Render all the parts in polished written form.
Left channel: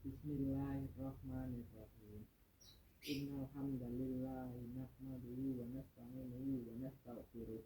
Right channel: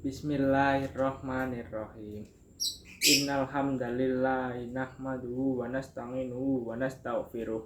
Bismillahirrahmanirrahim. Innal hamdalillahi nahmaduhu wa nasta'inuhu wa nastaghfiruh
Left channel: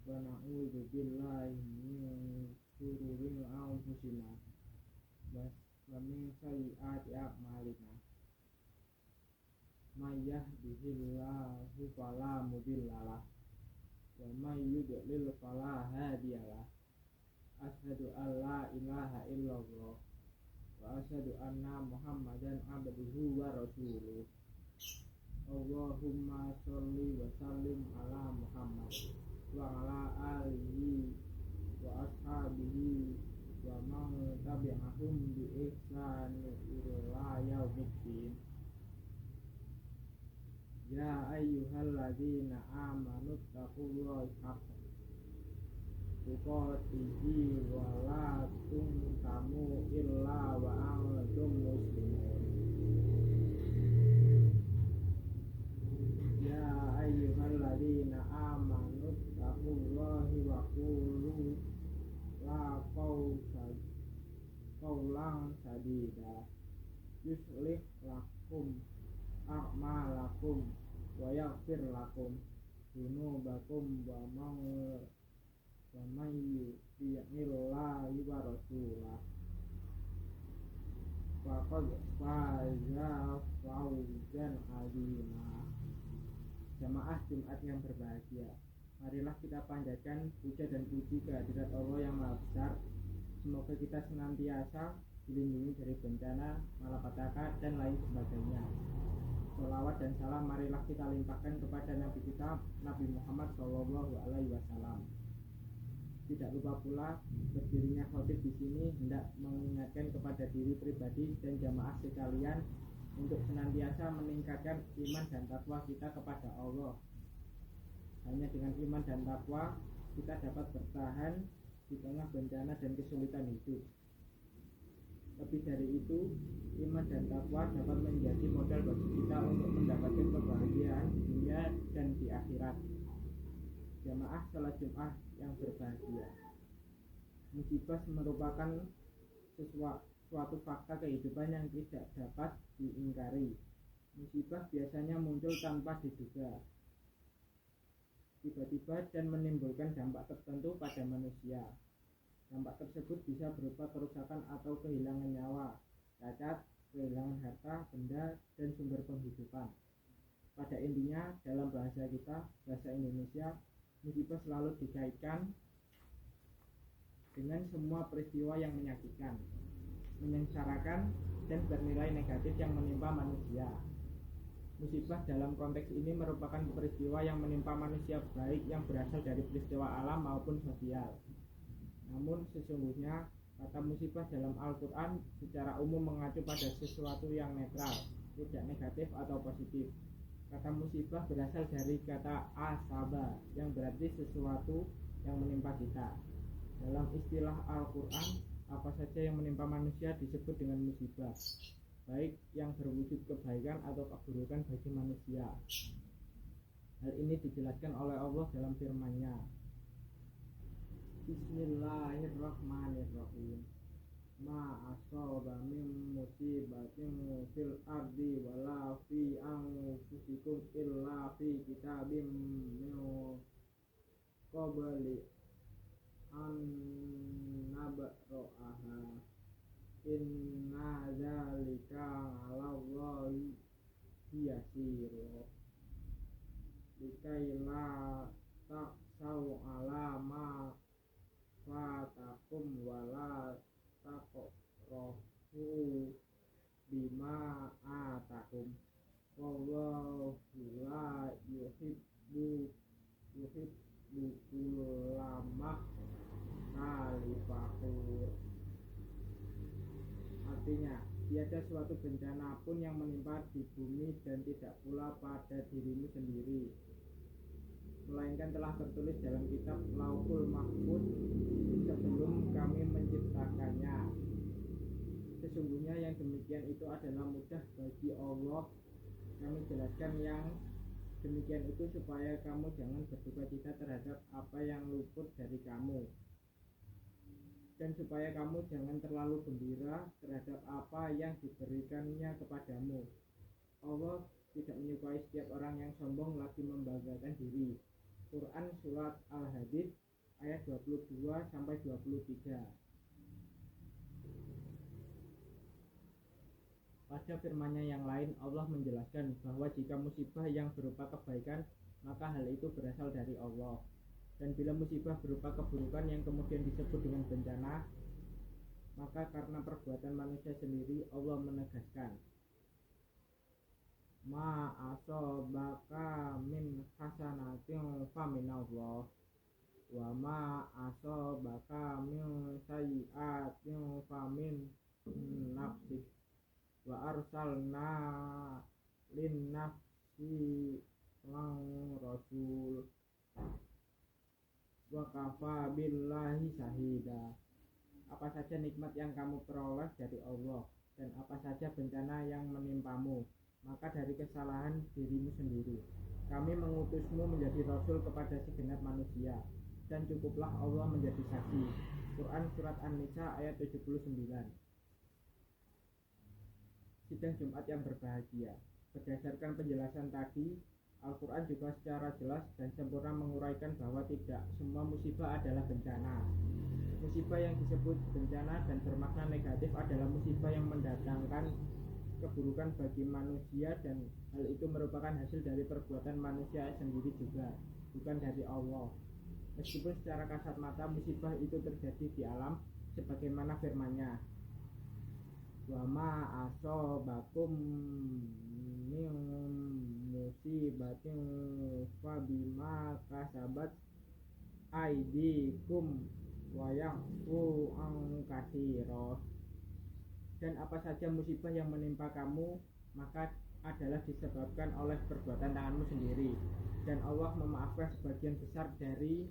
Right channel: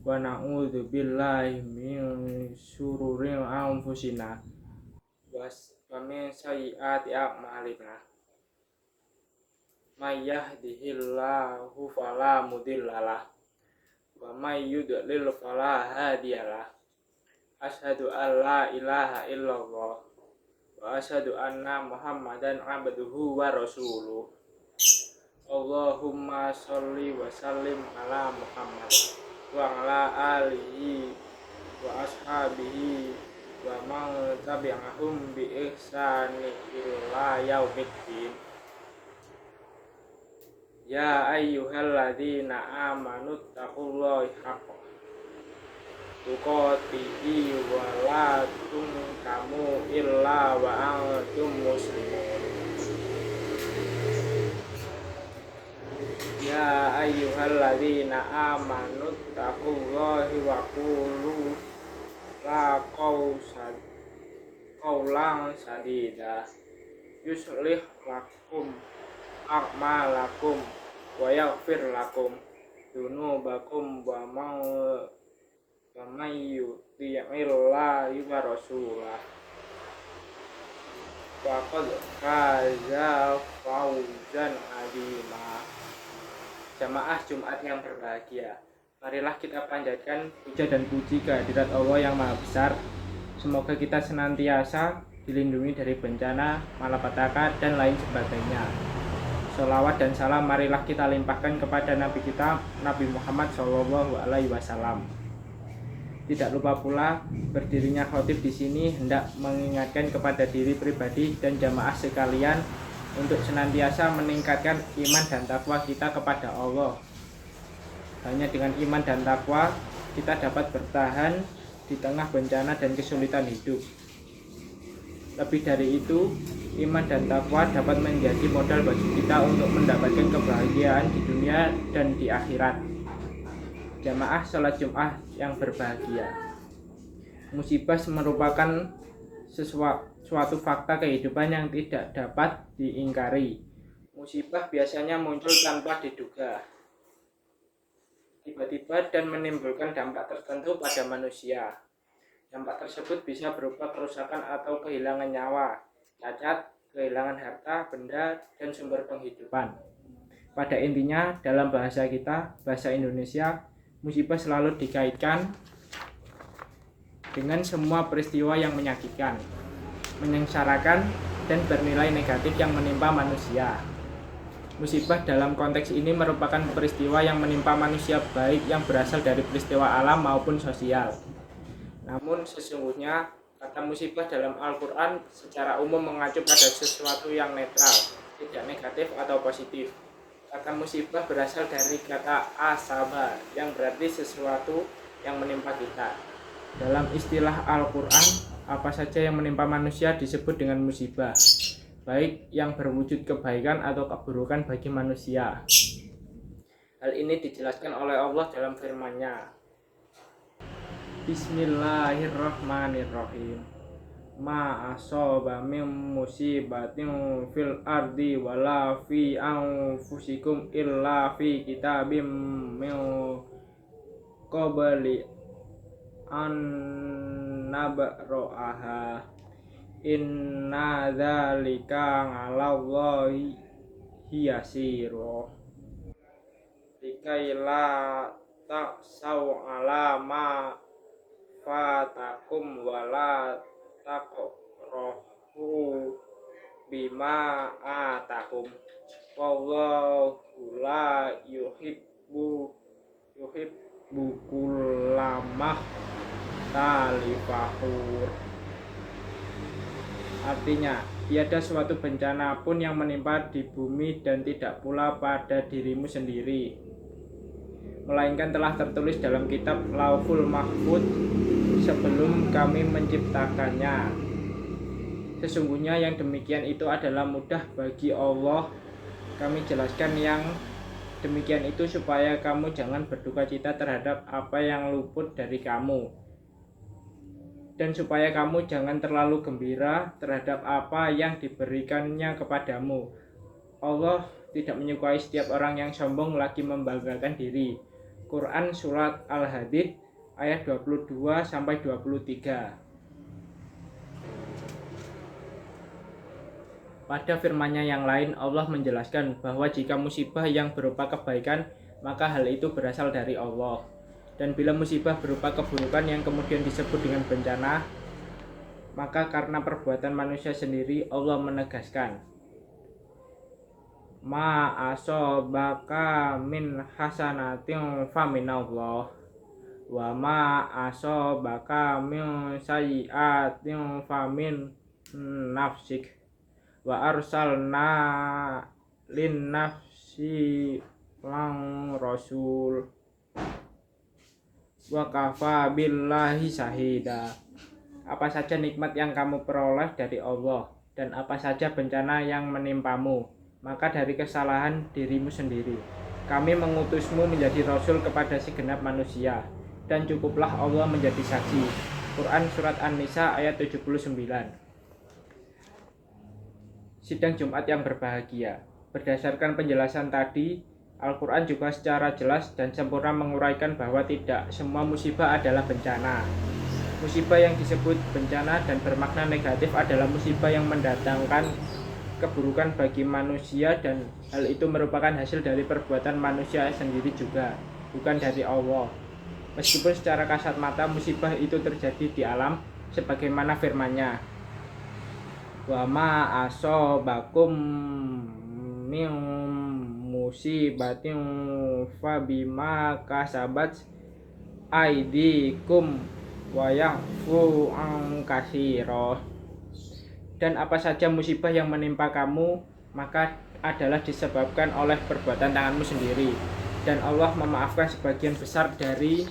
wa na'udzu billahi min syururi anfusina wa min sayyiati a'malina. May yahdihillahu fala mudhillalah wa may yudlil fala hadiyalah. Asyhadu an la ilaha illallah wa asyhadu anna Muhammadan abduhu wa rasuluh. Allahumma sholli wa sallim ala Muhammad wa ala alihi wa ashabihi wa man tabi'ahum bi ihsani ila yaumiddin. Ya ayyuhalladzina amanu taqullaha haqqa tuqatihi wa la tamutunna illa wa antum muslimun. Ya ayyuhalladzina amanu taqullaha wa qulu qawlan sadida yuslih lakum a'malakum wa yaghfir lakum dzunubakum wa may yuti'illahi wa rasulahu faqad faza fawzan 'azima. Jamaah Jumat yang berbahagia, marilah kita panjatkan puja dan puji kehadirat Allah yang Maha Besar. Semoga kita senantiasa dilindungi dari bencana, malapetaka, dan lain sebagainya. Sholawat dan salam marilah kita limpahkan kepada Nabi kita, Nabi Muhammad SAW. Tidak lupa pula berdirinya khotib di sini hendak mengingatkan kepada diri pribadi dan jamaah sekalian untuk senantiasa meningkatkan iman dan takwa kita kepada Allah. Hanya dengan iman dan takwa kita dapat bertahan di tengah bencana dan kesulitan hidup. Lebih dari itu, iman dan takwa dapat menjadi modal bagi kita untuk mendapatkan kebahagiaan di dunia dan di akhirat. Jamaah sholat Jumat yang berbahagia, musibah merupakan suatu fakta kehidupan yang tidak dapat diingkari. Musibah biasanya muncul tanpa diduga, tiba-tiba dan menimbulkan dampak tertentu pada manusia. Dampak tersebut bisa berupa kerusakan atau kehilangan nyawa, cacat, kehilangan harta, benda, dan sumber penghidupan. Pada intinya, dalam bahasa kita, bahasa Indonesia, musibah selalu dikaitkan dengan semua peristiwa yang menyakitkan, menyengsarakan, dan bernilai negatif yang menimpa manusia. Musibah dalam konteks ini merupakan peristiwa yang menimpa manusia baik yang berasal dari peristiwa alam maupun sosial. Namun sesungguhnya kata musibah dalam Al-Quran secara umum mengacu pada sesuatu yang netral, tidak negatif atau positif. Kata musibah berasal dari kata asaba yang berarti sesuatu yang menimpa kita. Dalam istilah Al-Quran, apa saja yang menimpa manusia disebut dengan musibah, baik yang berwujud kebaikan atau keburukan bagi manusia. Hal ini dijelaskan oleh Allah dalam firman-Nya. Bismillahirrahmanirrahim. Ma asoba min musibatin fil ardi wala fi anfusikum illa fi kitabim min qabli an nabra'aha inna dzalika 'alallahi yasir. Likaila ta'sau 'ala ma fatakum wala taqrahu bima atakum wallahu la yuhibbu kullamah talifahur. Artinya, tiada suatu bencana pun yang menimpa di bumi dan tidak pula pada dirimu sendiri, melainkan telah tertulis dalam kitab Lauhul Mahfuz sebelum kami menciptakannya. Sesungguhnya yang demikian itu adalah mudah bagi Allah. Kami jelaskan yang demikian itu supaya kamu jangan berduka cita terhadap apa yang luput dari kamu, Dan supaya kamu jangan terlalu gembira terhadap apa yang diberikannya kepadamu. Allah tidak menyukai setiap orang yang sombong lagi membanggakan diri. Quran Surat Al-Hadid ayat 22-23. Pada firman-Nya yang lain, Allah menjelaskan bahwa jika musibah yang berupa kebaikan, maka hal itu berasal dari Allah. Dan bila musibah berupa keburukan yang kemudian disebut dengan bencana, maka karena perbuatan manusia sendiri, Allah menegaskan, ma asobaka min hasanatin faminallah wa ma asobaka min sayyiatin famin nafsik wa arsalna lin nafsi lang rasul wa kafa billahi syahida. Apa saja nikmat yang kamu peroleh dari Allah dan apa saja bencana yang menimpamu, maka dari kesalahan dirimu sendiri. Kami mengutusmu menjadi rasul kepada segenap manusia, dan cukuplah Allah menjadi saksi. Quran Surat An-Nisa ayat 79. Sidang Jumat yang berbahagia. Berdasarkan penjelasan tadi, Al-Quran juga secara jelas dan sempurna menguraikan bahwa tidak semua musibah adalah bencana. Musibah yang disebut bencana dan bermakna negatif adalah musibah yang mendatangkan keburukan bagi manusia, dan hal itu merupakan hasil dari perbuatan manusia sendiri juga, bukan dari Allah. Meskipun secara kasat mata musibah itu terjadi di alam, sebagaimana firman-Nya, wa ma asobakum min musibatin fabima kasabat aidikum wa yafu an katsira. Dan apa saja musibah yang menimpa kamu, maka adalah disebabkan oleh perbuatan tanganmu sendiri, dan Allah memaafkan sebagian besar dari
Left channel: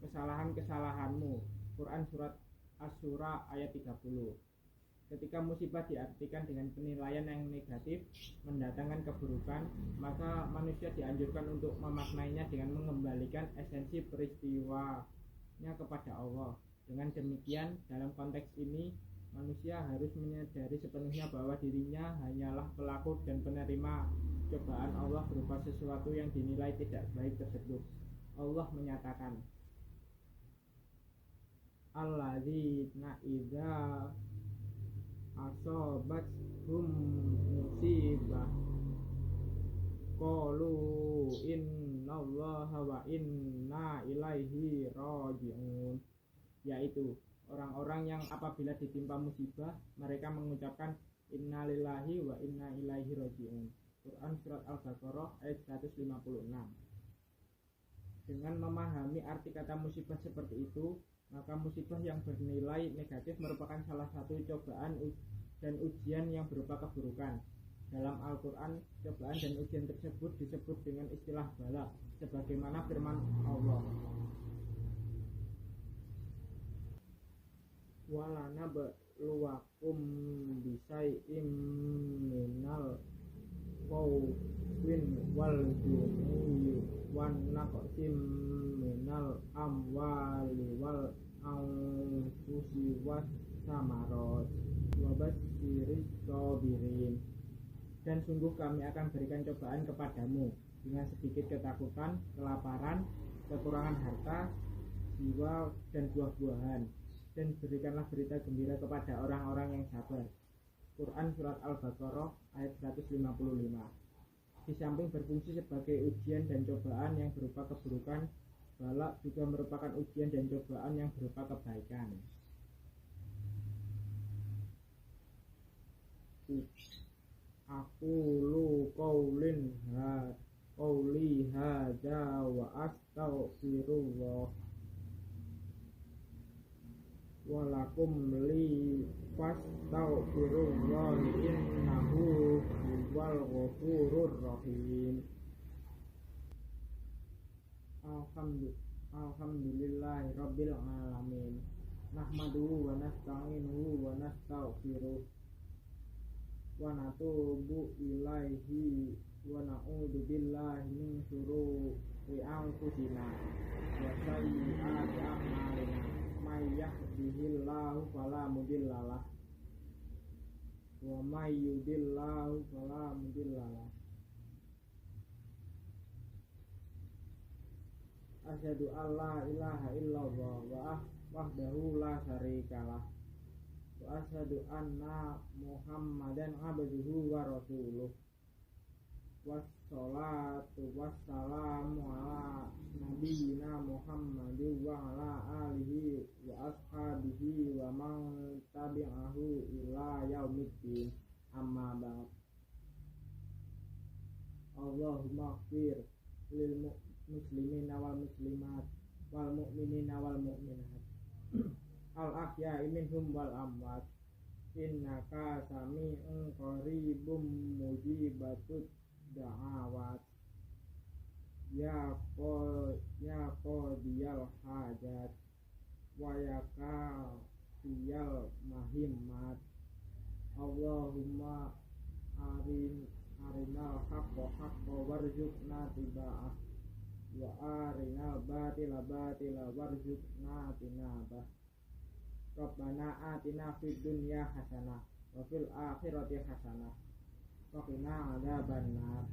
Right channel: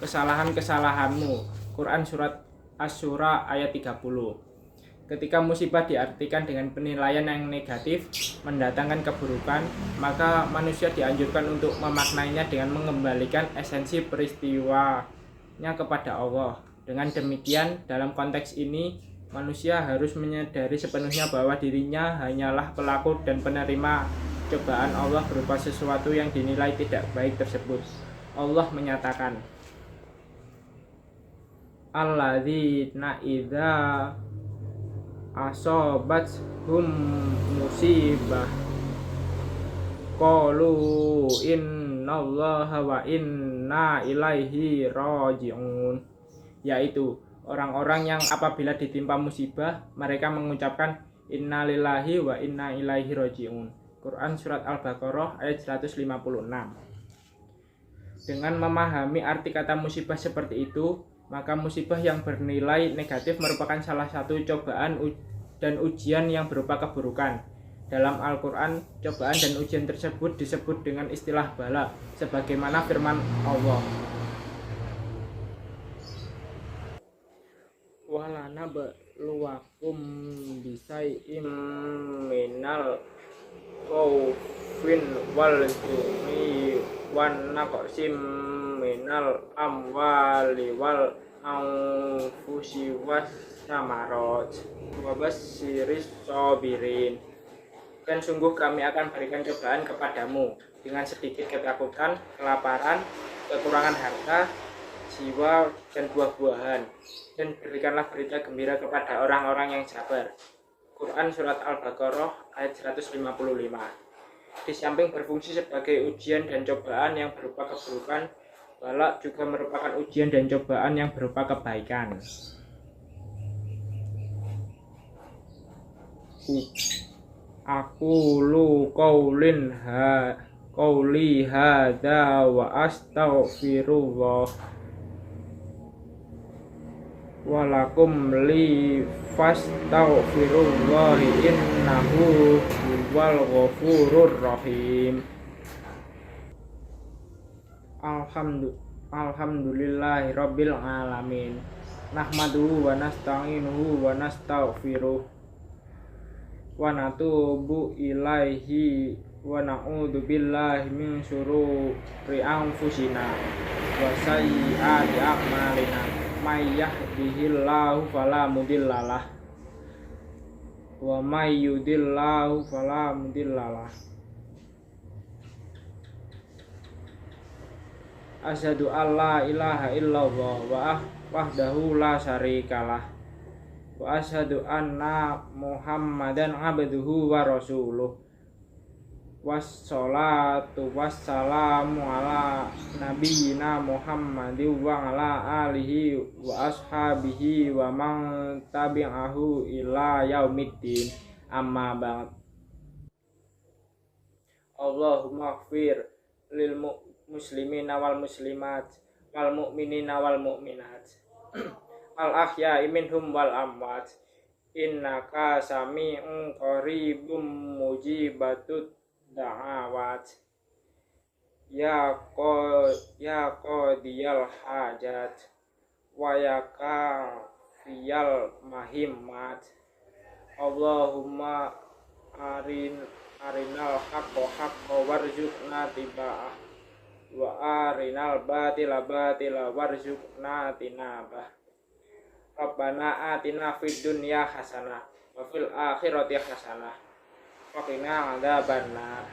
kesalahan-kesalahanmu. Quran Surat Asy-Syura ayat 30. Ketika musibah diartikan dengan penilaian yang negatif, mendatangkan keburukan, maka manusia dianjurkan untuk memaknainya dengan mengembalikan esensi peristiwanya kepada Allah. Dengan demikian, dalam konteks ini, manusia harus menyadari sepenuhnya bahwa dirinya hanyalah pelaku dan penerima cobaan Allah berupa sesuatu yang dinilai tidak baik tersebut. Allah menyatakan, alladzina idza asobathum musibah qalu innallaha wa inna ilaihi raji'un. Yaitu orang-orang yang apabila ditimpa musibah, mereka mengucapkan innalillahi wa inna ilaihi raji'un. Quran Surat Al-Baqarah ayat 156. Dengan memahami arti kata musibah seperti itu, maka musibah yang bernilai negatif merupakan salah satu cobaan dan ujian yang berupa keburukan. Dalam Al-Quran, cobaan dan ujian tersebut disebut dengan istilah bala, sebagaimana firman Allah, walana beluwakum bisai'im minal khawfin wal ju'i wan naqsim minal amwali wal anfusi was samarat wa basyiris sabirin. Dan sungguh kami akan berikan cobaan kepadamu dengan sedikit ketakutan, kelaparan, kekurangan harta, jiwa, dan buah-buahan. Dan berikanlah berita gembira kepada orang-orang yang sabar. Quran Surat Al-Baqarah ayat 155. Di samping berfungsi sebagai ujian dan cobaan yang berupa keburukan, balak juga merupakan ujian dan cobaan yang berupa kebaikan. Aku lu qauli hadza wa astaghfirullah walakum li fastaghfirullahi innahu huwal ghafurur rahim. Alhamdulillahi rabbil alamin. Nahmaduhu wa nasta'inuhu wa nastaghfiruh wa natubu ilaihi wa na'udzu billahi min syururi anfusina wa sayyiati a'malina may yahdihillahu fala mudhillalah wa may yudhillahu fala mudhillalah. Asyhadu alla ilaha illallah wahdahu la syarikalah wa asyhadu anna Muhammadan abduhu wa rasuluh. Wassalatu wassalamu ala nabiyyina Muhammadin wa ala alihi wa ashabihi wa man tabi'ahu ila yaumiddin. Amma ba'd. Allahumma ighfir lil muslimina wal muslimat wal mu'minina wal mu'minat al ahya'i minhum wal amwat innaka sami'un qaribum mujibatud da'awat ya qadiyal hajat wa ya kafiyal mahimmat. Allahumma arinal haqqa warzuqna tiba'ah wa arinal batila warzuqna tinabah. Rabbana atina fid dunya hasanah wa fil akhirati hasanah wa qina adzabannar.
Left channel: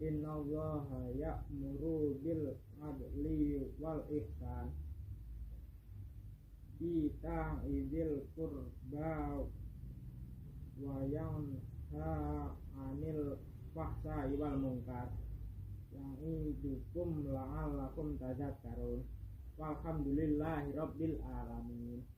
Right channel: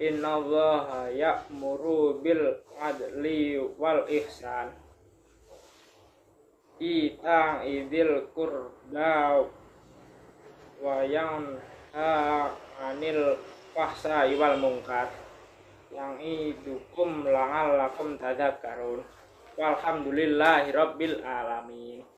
Innallaha ya'muru bil adli wal ihsan ita'idzil qurba wa yanha 'anil fahsya'i wal munkar ya'idukum la'allakum tadhakkarun. Walhamdulillahi rabbil alamin.